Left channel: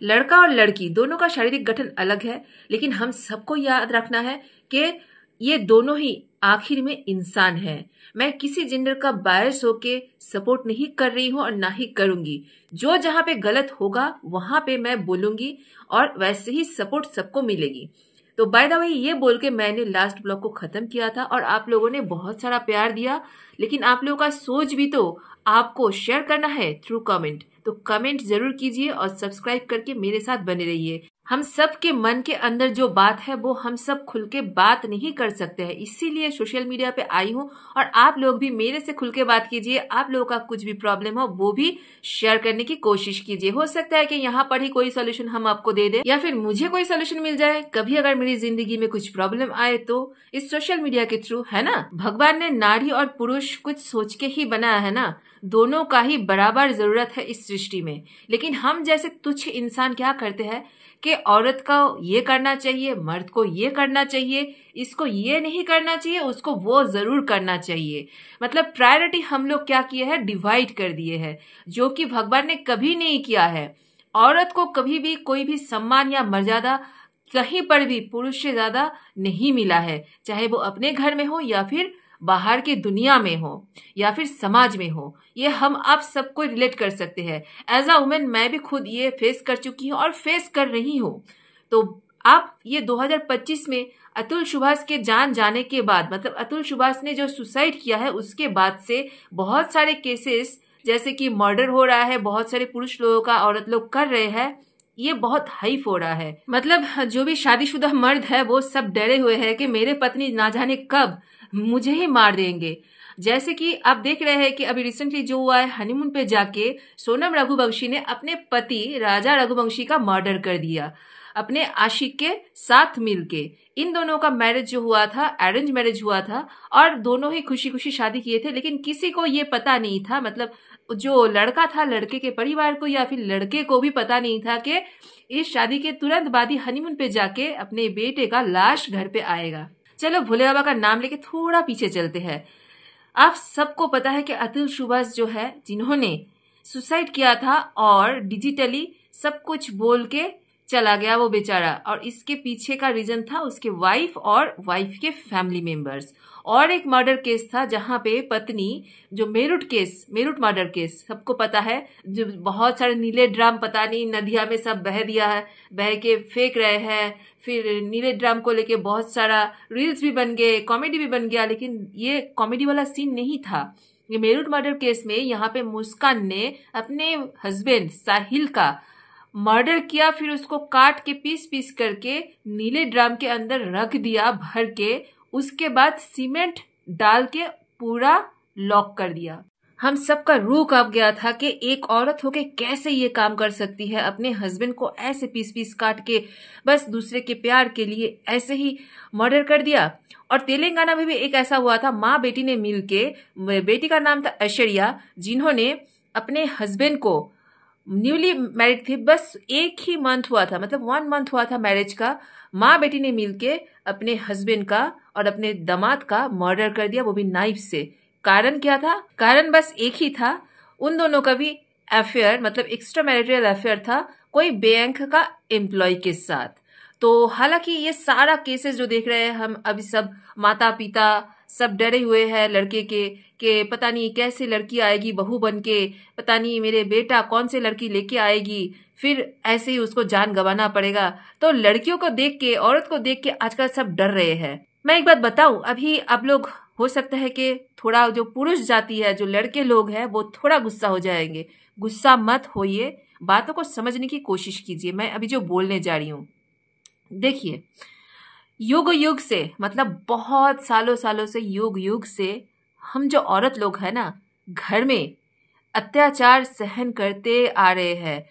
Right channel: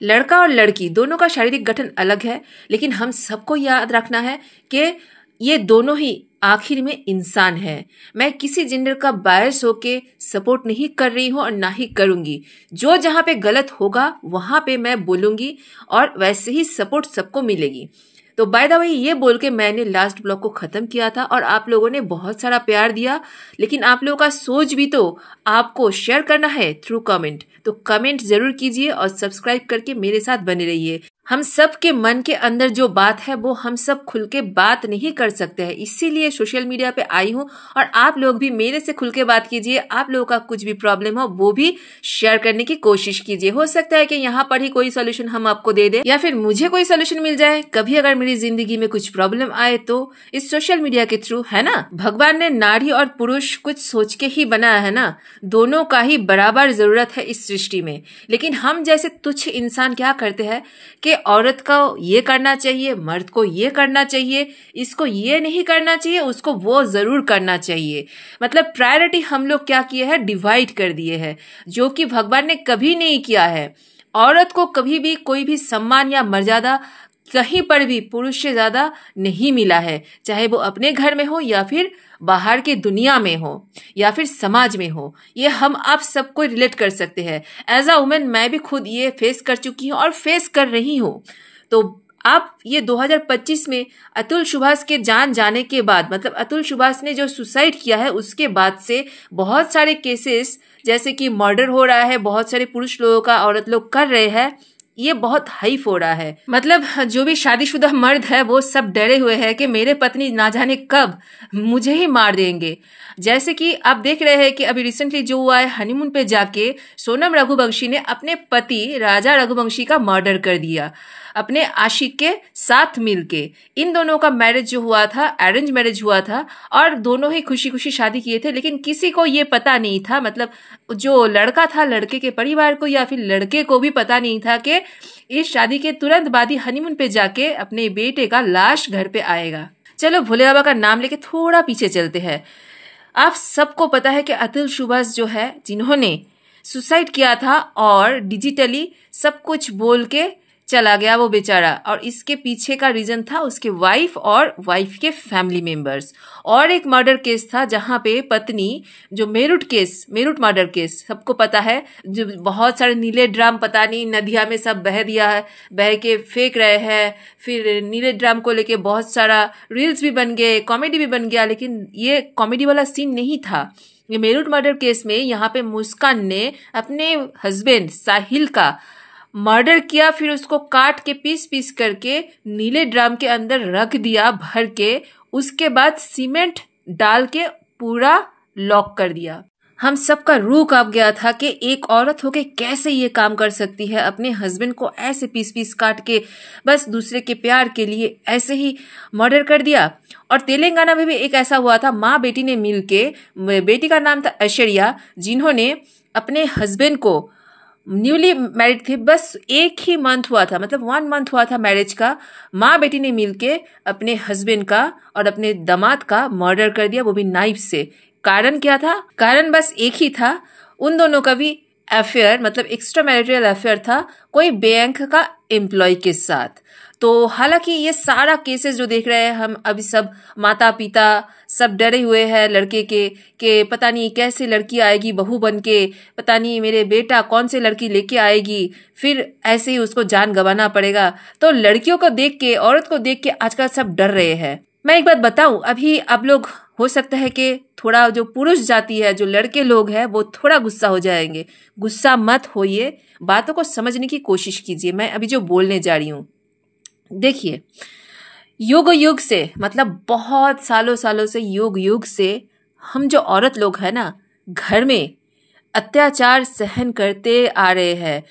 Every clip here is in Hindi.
लड़का और लड़की दोनों का शारीरिक गठन अलग है, लेकिन हम सबको याद रखना है कि ये दोनों ही आखिर में इंसान है। मैं किसी जेंडर का बायस होके सपोर्ट नहीं कर रही हूँ और ना ही करूंगी। जो जहाँ पे गलत होगा वहां पे मैं बोलूंगी और वैसे ही सपोर्ट सबको मिलेगी। तो बाय द वे ये बोल के मैंने लास्ट ब्लॉग को खत्म किया था और आप लोगों ने बहुत सारा प्यार दिया, लेकिन आप लोगों का सोच भी तो आपको शेयर करना है थ्रू कमेंट। तो कमेंट जरूर कीजिए और सब्सक्राइब करके मेरे साथ बने रहिए। हम सब के मन के अंदर जो बात है वो हम सब खुल के बात नहीं कर सकते हैं, इसीलिए सोशल मीडिया पे आई हूँ। और आप लोग भी मेरे से खुल के बात कीजिए। आप लोगों का कुछ भी प्रॉब्लम हो वो भी शेयर करने की कोशिश कीजिए। हो सकता है कि यहाँ पर ही कोई सोल्यूशन हम आपको दे दें या फिर मुझे कोई सोल्यूशन मिल जाए। कभी अगर मेरी जिंदगी में कुछ प्रॉब्लम आए तो इस सोशल मीडिया के थ्रू, है ना। भगवान ने नारी और पुरुष कुछ सोच के ही बनाया है ना, दोनों का ही बराबर जरूरत है इस सृष्टि में। लेकिन हम जैसे तुच्छ इंसान क्या करते हैं कि औरत को ये करना चाहिए, मर्द को ये करना चाहिए, इसको ये नहीं करना चाहिए, उसको वो जरूर करना चाहिए। मतलब प्रायोरिटी हम लोग क्या किए हैं, डिवाइड कर दिए हैं, जो कि भगवान ने कभी नहीं किया है। औरत को कभी भी कोई भी सम्मान या मर्यादा कहीं पर भी पुरुष से ज्यादा नहीं मिला है, चाहे वो अपने घर में हो या फिर बाहर की दुनिया में हो या फिर समाज में हो। ये हम आप सबको रिलेट कर सकते हैं। एज अ वुमेन मैं भी खुद ये फेस कर चुकी हूँ और फेस कर रही हूँ। तो आप ये 2025 में अतुल सुभाष के जान जाने के बाद, मतलब अतुल सुभाष ने जो सुसाइड किया है उसके बाद से बहुत सारे केसेस जैसे कि मर्डर हो रहा है, बहुत सारे पुरुष लोगों का औरत लोग कर रहे हैं, ये बहुत हाइफ हो रहा है। मतलब जो भी शादीशुदा मर्द है वो सब डरे हुए हैं कि मेरे पत्नी ना जाने कब मुझे ही मार देंगे। जैसे कि आप देख रहे हैं कि अभी रिसेंटली जो हुआ है, हनीमून पे जाके सोनम रघुवंशी ने अपने पति राजा रघुवंशी का मर्डर कर दिया अपने आशिक के साथ मिलके। इन दोनों का मैरिज जो हुआ था अरेंज मैरिज हुआ था और दोनों ही खुशी खुशी शादी किए थे, लेकिन किसी को ये पता नहीं था, मतलब जो लड़का था लड़के के परिवार को या फिर लड़के को भी पता नहीं था कि इस शादी के तुरंत बाद ही हनीमून पे जाके अपने बेटे का लाश घर पे आएगा। चलो भोले बाबा का नाम लेके थोड़ा पीछे चलते हैं। आप सबको पता है कि अतुल सुभाष जो है, जिन्होंने सुसाइड किया था और डिजिटली सब कुछ बोल के चला गया वो बेचारा, और इसके पीछे का रीजन था उसके वाइफ और वाइफ के फैमिली मेंबर्स। और एक मर्डर केस था जहां पे पत्नी, जो मेरठ मर्डर केस सबको पता है, जो बहुत सारे नीले ड्राम पता नहीं नदिया में सब बह दिया है, बह के फेंक रहे हैं। फिर नीले ड्राम को लेके बहुत सारा रील्स भी बन गए, कॉमेडी भी बन गया, लेकिन ये कॉमेडी वाला सीन नहीं था। ये मेरठ मर्डर केस में यहाँ पे मुस्कान ने अपने हस्बैंड साहिल का मर्डर किया, फिर उसको काट के पीस पीस करके नीले ड्राम के अंदर रख दिया भर के, उसके बाद सीमेंट डाल के पूरा लॉक कर दिया। हम सबका रूह कांप गया था कि एक औरत होके कैसे ये काम कर सकती है, अपने हस्बैंड को ऐसे पीस पीस काट के बस दूसरे के प्यार के लिए ऐसे ही मर्डर कर दिया। और तेलंगाना में भी एक ऐसा हुआ था, माँ बेटी ने मिलके, बेटी का नाम था ऐश्वर्या, जिन्होंने अपने हस्बैंड को, न्यूली मैरिड थे, बस एक ही मंथ हुआ था, मतलब 1 मंथ हुआ था मैरिज का, माँ बेटी ने मिलके अपने हस्बैंड का और अपने दामाद का मर्डर कर दिया, वो भी नाइफ से। कारण क्या था? कारण बस एक ही था, उन दोनों का भी अफेयर, मतलब एक्स्ट्रा मैरिटल अफेयर था कोई बैंक का एम्प्लॉय के साथ। तो हालांकि ये सारा केसेस जो देख रहे हैं हम अभी, सब माता पिता सब डरे हुए हैं लड़के के कि पता नहीं कैसे लड़की आएगी बहू बन के, पता नहीं मेरे बेटा कौन से लड़की लेके आएगी, फिर ऐसे ही उसको जान गंवाना पड़ेगा। तो लड़कियों को देख के, औरत को देख के आजकल सब डर रहे हैं। मैं एक बात बताऊं, अभी आप लोग हो सकता है कि थोड़ा जो पुरुष जाति है, जो लड़के लोग हैं, वो थोड़ा गुस्सा हो जाएंगे। गुस्सा मत होइए, बातों को समझने की कोशिश कीजिए। मैं अभी जो बोलने जा रही हूँ, देखिए, युग युग से, मतलब बहुत सालों सालों से, युग युग से हम जो औरत लोग हैं ना, घर में अत्याचार सहन करते आ रहे हैं।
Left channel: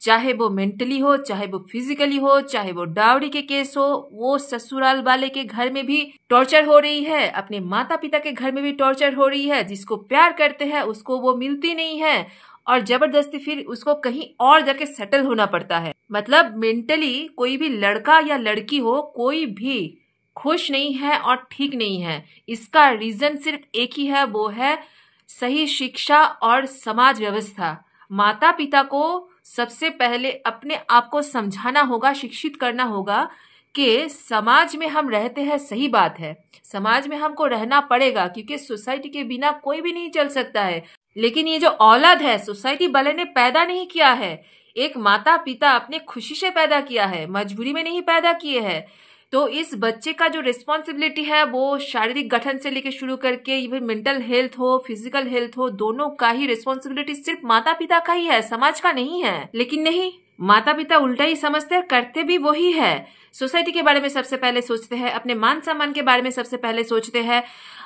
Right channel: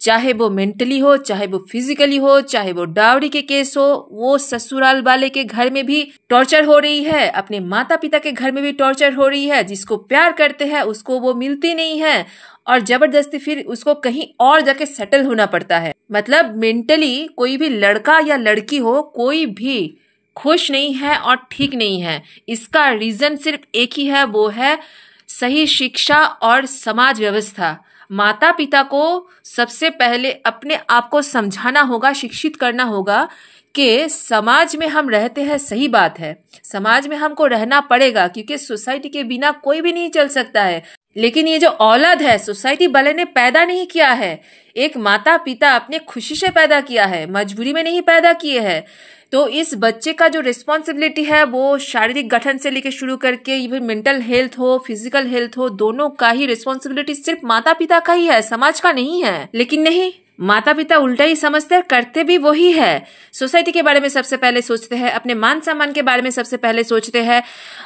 चाहे वो मेंटली हो, चाहे वो फिजिकली हो, चाहे वो डावरी के केस हो, वो ससुराल वाले के घर में भी टॉर्चर हो रही है, अपने माता पिता के घर में भी टॉर्चर हो रही है। जिसको प्यार करते हैं उसको वो मिलती नहीं है और जबरदस्ती फिर उसको कहीं और जाके सेटल होना पड़ता है। मतलब मेंटली कोई भी लड़का या लड़की हो, कोई भी खुश नहीं है और ठीक नहीं है। इसका रीजन सिर्फ एक ही है, वो है सही शिक्षा और समाज व्यवस्था। माता पिता को सबसे पहले अपने आप को समझाना होगा, शिक्षित करना होगा कि समाज में हम रहते हैं, सही बात है, समाज में हमको रहना पड़ेगा क्योंकि सोसाइटी के बिना कोई भी नहीं चल सकता है। लेकिन ये जो औलाद है सोसाइटी वाले ने पैदा नहीं किया है, एक माता पिता अपने खुशी से पैदा किया है, मजबूरी में नहीं पैदा किए हैं। तो इस बच्चे का जो रिस्पॉन्सिबिलिटी है वो शारीरिक गठन से लेकर शुरू करके इवन मेंटल हेल्थ हो, फिजिकल हेल्थ हो, दोनों का ही रिस्पॉन्सिबिलिटी सिर्फ माता पिता का ही है, समाज का नहीं है। लेकिन नहीं, माता पिता उल्टा ही समझते हैं, करते भी वही है। सोसाइटी के बारे में सबसे पहले सोचते हैं, अपने मान सम्मान के बारे में सबसे पहले सोचते हैं,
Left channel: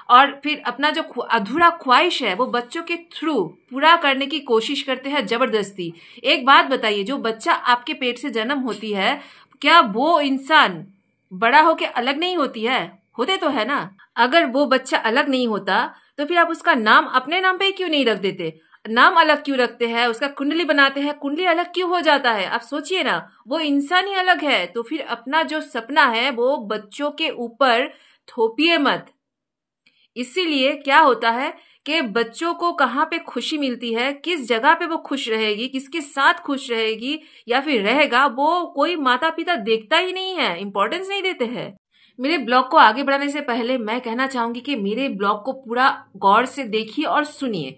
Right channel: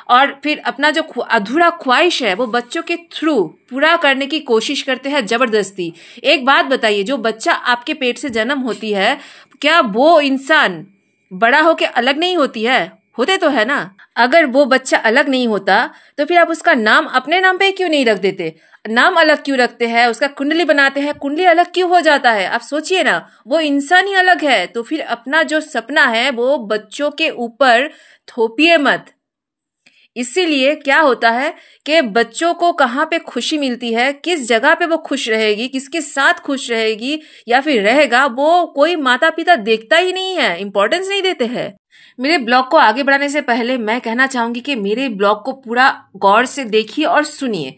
और फिर अपना जो अधूरा ख्वाहिश है वो बच्चों के थ्रू पूरा करने की कोशिश करते हैं जबरदस्ती। एक बात बताइए, जो बच्चा आपके पेट से जन्म होती है, क्या वो इंसान बड़ा होके अलग नहीं होती है? होते तो है ना। अगर वो बच्चा अलग नहीं होता तो फिर आप उसका नाम अपने नाम पे क्यों नहीं रख देते? नाम अलग क्यों रखते हैं? उसका कुंडली बनाते हैं, कुंडली अलग क्यों हो जाता है? आप सोचिए ना, वो इंसान ही अलग है। तो फिर अपना जो सपना है वो बच्चों के ऊपर थोपिए मत। इसीलिए क्या होता है कि बच्चों को कहाँ पे खुशी मिलती है, किस जगह पे वो खुश रहेगी, किसके साथ खुश रहेगी या फिर रहेगा, वो कोई माता पिता देखता ही नहीं है, इंपॉर्टेंस नहीं देते हैं। मेरे ब्लॉग को आगे बढ़ाने से पहले मैं कहना चाहूंगी कि मेरे ब्लॉग को पूरा गौर से देखिए और सुनिए,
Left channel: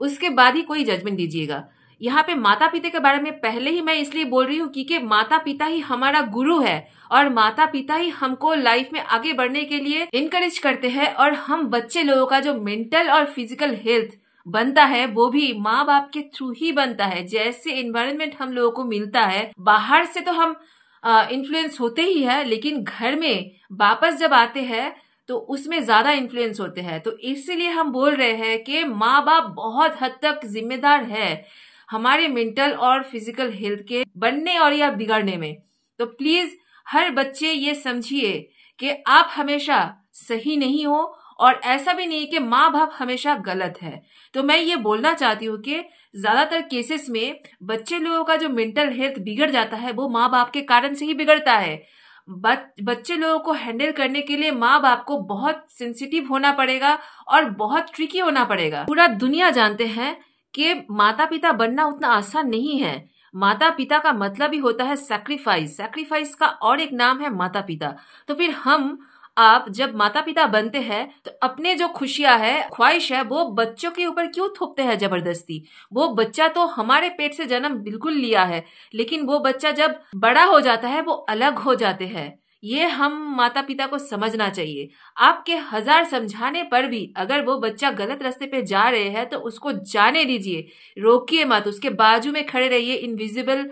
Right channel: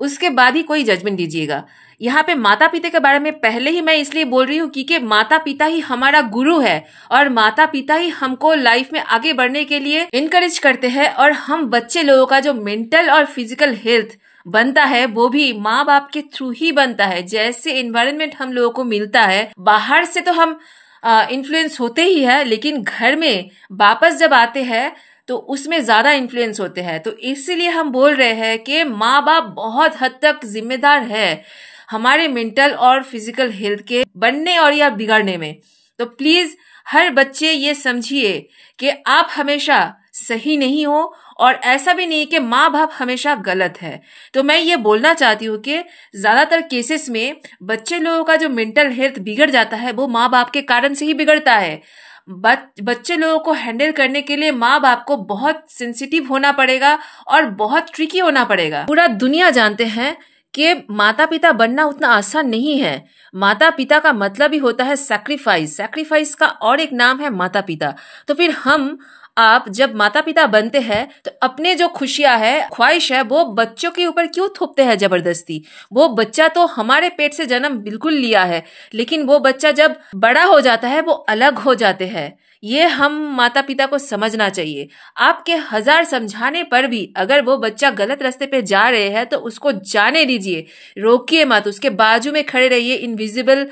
उसके बाद ही कोई जजमेंट दीजिएगा। यहाँ पे माता पिता के बारे में पहले ही मैं इसलिए बोल रही हूँ क्योंकि माता पिता ही हमारा गुरु है और माता पिता ही हमको लाइफ में आगे बढ़ने के लिए इनकरेज करते हैं। और हम बच्चे लोगों का जो मेंटल और फिजिकल हेल्थ बनता है वो भी माँ बाप के थ्रू ही बनता है। जैसे एनवायरनमेंट हम लोगों को मिलता है, बाहर से तो हम इन्फ्लुएंस होते ही है, लेकिन घर में वापस जब आते हैं तो उसमें ज्यादा इन्फ्लुएंस होते हैं। तो इसीलिए हम बोल रहे हैं कि माँ बाप बहुत हद तक जिम्मेदार है हमारे मेंटल और फिजिकल हेल्थ के बनने और या बिगड़ने में। तो प्लीज हर बच्चे ये समझिए कि आप हमेशा सही नहीं हो और ऐसा भी नहीं कि माँ बाप हमेशा गलत है। तो मैं ये बोलना चाहती हूँ कि ज्यादातर केसेस में बच्चे लोगों का जो मेंटल हेल्थ बिगड़ जाता है वो माँ बाप के कारण से ही बिगड़ता है। बच्चे लोगों को हैंडल करने के लिए माँ बाप को बहुत सेंसिटिव होना पड़ेगा और बहुत ट्रिकी होना पड़ेगा। पूरा दुनिया जानते हैं कि माता पिता बनना उतना आसान नहीं है। माता पिता का मतलब ही होता है सैक्रिफाइस, सैक्रिफाइस का और एक नाम है माता पिता। तो फिर हम आप जब माता पिता बनते हैं तो अपने जो खुशियां है, ख्वाहिश है, वो बच्चों के ऊपर क्यों थोपते हैं जबरदस्ती? वो बच्चा तो हमारे पेट से जन्म बिल्कुल लिया है, लेकिन वो बच्चा जब बड़ा हो जाता है वो अलग हो जाते हैं। ये हम माता पिता को समझना चाहिए। आपके 1000 समझाने पर भी अगर वो बच्चा गलत रास्ते पे जा रहे हैं तो उसको जाने दीजिए, रोकिए मत, उसके बाजू में खड़े रहिए इनविजिबल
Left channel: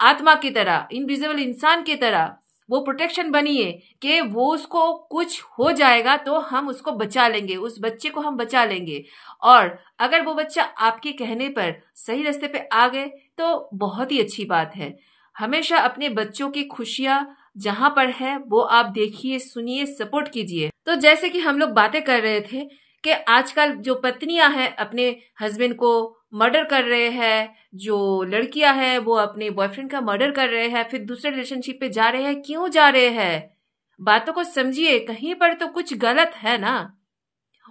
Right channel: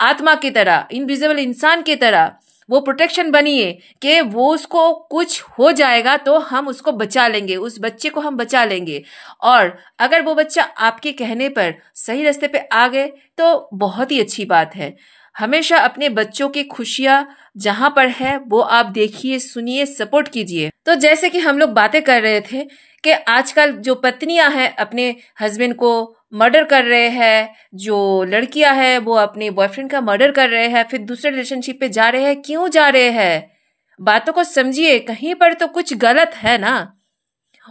आत्मा की तरह, इनविजिबल इंसान की तरह। वो प्रोटेक्शन बनिए कि वो उसको कुछ हो जाएगा तो हम उसको बचा लेंगे, उस बच्चे को हम बचा लेंगे। और अगर वो बच्चा आपके कहने पर सही रास्ते पे आ गए तो बहुत ही अच्छी बात है। हमेशा अपने बच्चों की खुशियां जहां पर है वो आप देखिए, सुनिए, सपोर्ट कीजिए। तो जैसे कि हम लोग बातें कर रहे थे कि आजकल जो पत्नियां हैं अपने हस्बैंड को मर्डर कर रहे हैं, जो लड़कियां हैं वो अपने बॉयफ्रेंड का मर्डर कर रहे हैं, फिर दूसरे रिलेशनशिप पे जा रहे हैं। क्यों जा रहे हैं? बातों को समझिए, कहीं पर तो कुछ गलत है ना।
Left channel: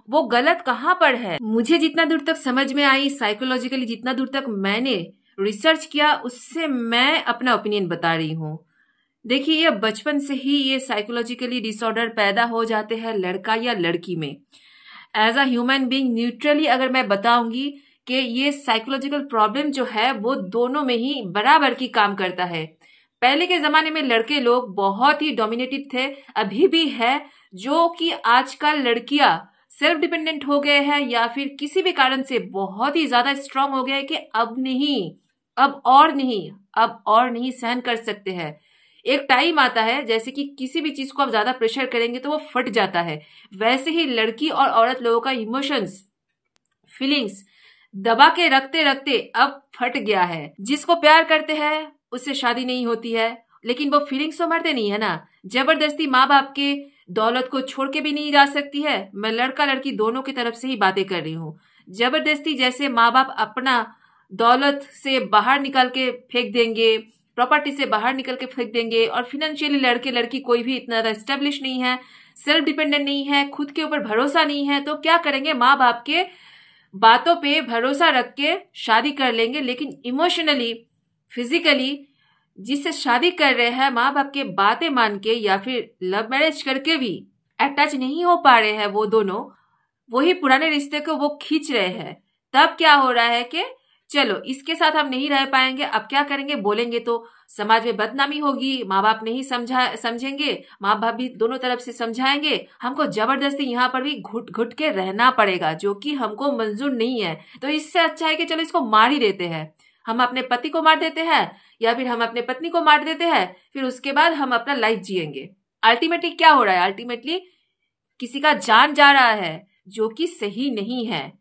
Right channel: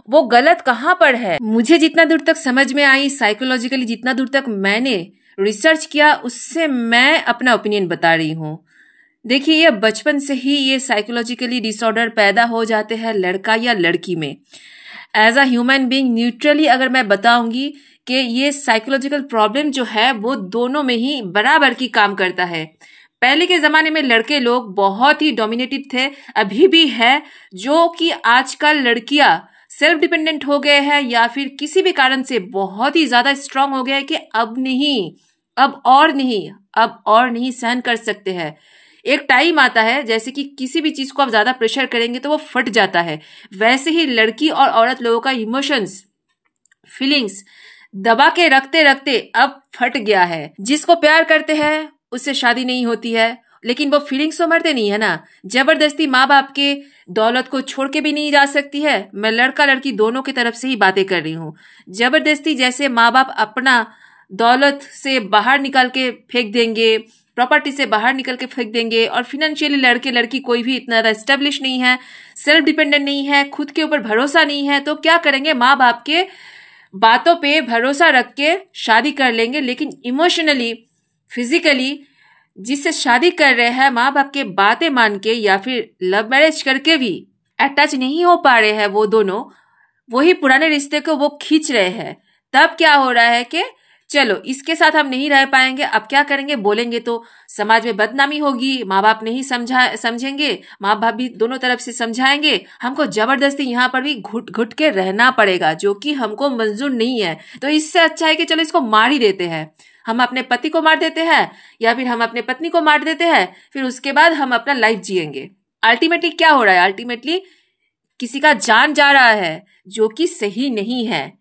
वो गलत कहाँ पर है? मुझे जितना दूर तक समझ में आई, साइकोलॉजिकली जितना दूर तक मैंने रिसर्च किया, उससे मैं अपना ओपिनियन बता रही हूँ। देखिए, ये बचपन से ही ये साइकोलॉजिकली डिसऑर्डर पैदा हो जाते हैं लड़का या लड़की में। As a human being neutrally अगर मैं बताऊंगी कि ये साइकोलॉजिकल प्रॉब्लम जो है वो दोनों में ही बराबर की काम करता है। पहले के जमाने में लड़के लोग बहुत ही डोमिनेटिव थे, अभी भी है, जो कि आजकल लड़कियां सेल्फ डिपेंडेंट हो गए हैं या फिर किसी भी कारण से बहुत ही ज्यादा स्ट्रांग हो गया है कि अब नहीं, अब और नहीं सहन कर सकते हैं। एक टाइम आता है जैसे कि किसी भी चीज को आप ज्यादा प्रेशर करेंगे तो वो फट जाता है। वैसे ही लड़की और औरत लोगों का इमोशंस, फीलिंग्स दबा के रखते रखते अब फट गया है। जिसको प्यार करते हैं उससे शादी नहीं होती है, लेकिन वो फीलिंग्स तो मरते नहीं है ना। जबरदस्ती माँ बाप के दौलत को छोड़ के भी नहीं जा सकती है। मैं लड़का लड़की दोनों की तरफ से ही बातें कर रही हूँ। जबरदस्ती जैसे माँ बाप अपना दौलत से बाहर निकाल के फेंक देंगे, प्रॉपर्टी से बाहर निकल के फेंक देंगे, और फिनेंशियली लड़के लड़की कोई भी इतना एस्टेब्लिश नहीं है, सेल्फ डिपेंडेंट नहीं है, खुद के ऊपर भरोसा नहीं है, तो क्या करेंगे? माँ बाप के बातों पे भरोसा रख के शादी कर लेंगे, लेकिन इमोशनली, फिजिकली जिससे शादी कर रहे हैं माँ बाप के बातें मान के या फिर लव मैरिज करके भी अटैच नहीं हो पा रहे हैं वो दोनों, वही पुराने रिश्ते को वो खींच रहे हैं। तब क्या हो रहा है कि चलो इसके साथ हम नहीं रह पाएंगे, अब क्या करेंगे, बोलेंगे तो समाज में बदनामी होगी, माँ बाप नहीं समझेंगे, माँ बाप भी दोनों तरफ से समझाएंगे, हमको जबरदस्ती यहाँ पर भी घुट घुट के रहना पड़ेगा जो कि हमको मंजूर नहीं है। तो इससे अच्छा है कि चलो इसको मार ही देते हैं, हम अपने पति को मार देते हैं या फिर हम अपने पत्नी को मार देते हैं, फिर उसके बाद हम अपना लाइफ जिएंगे। अल्टीमेटली क्या हो रहा है, अल्टीमेटली किसी का जान जा रहा है जो कि सही नहीं है।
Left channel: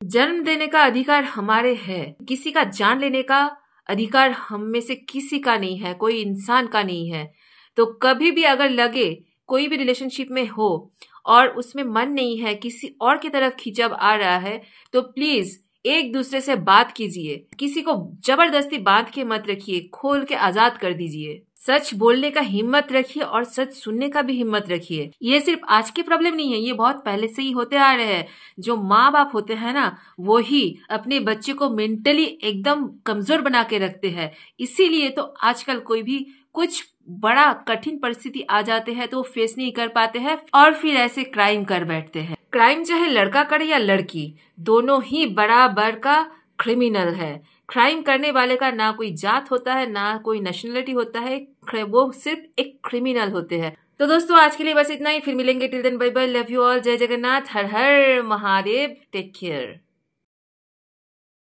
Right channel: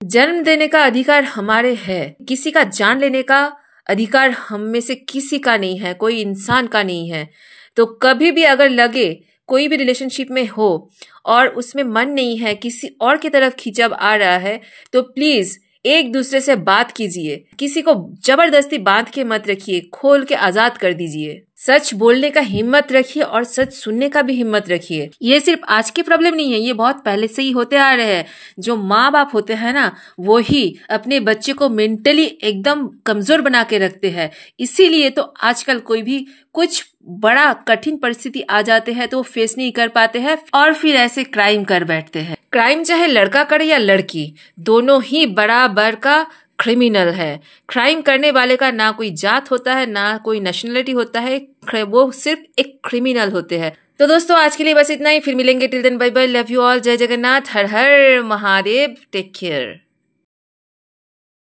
जन्म देने का अधिकार हमारे है, किसी का जान लेने का अधिकार हम में से किसी का नहीं है, कोई इंसान का नहीं है। तो कभी भी अगर लगे कोई भी रिलेशनशिप में हो और उसमें मन नहीं है, किसी और की तरफ खिंचाव आ रहा है, तो प्लीज एक दूसरे से बात कीजिए, किसी को जबरदस्ती बांध के मत रखिए, खोल के आजाद कर दीजिए। सच बोलने का हिम्मत रखिए और सच सुनने का भी हिम्मत रखिए। ये सिर्फ आज की प्रॉब्लम नहीं है, ये बहुत पहले से ही होते आ रहे हैं। जो माँ बाप होते हैं ना, वो ही अपने बच्चे को मेंटली एकदम कमजोर बना के रखते हैं। इसीलिए तो आजकल कोई भी कुछ बड़ा कठिन परिस्थिति आ जाते हैं तो फेस नहीं कर पाते हैं और फिर ऐसे क्राइम कर बैठते हैं। क्राइम चाहे लड़का करे या लड़की, दोनों ही बराबर का क्रिमिनल है। क्राइम करने वाले का ना कोई जात होता है, ना कोई नेशनलिटी होता है, वो सिर्फ एक क्रिमिनल होते हैं। तो दोस्तों आज के लिए बस इतना ही, फिर मिलेंगे। Till then bye bye, love you all, Jai Jagannath, Har Har Mahadev, take care.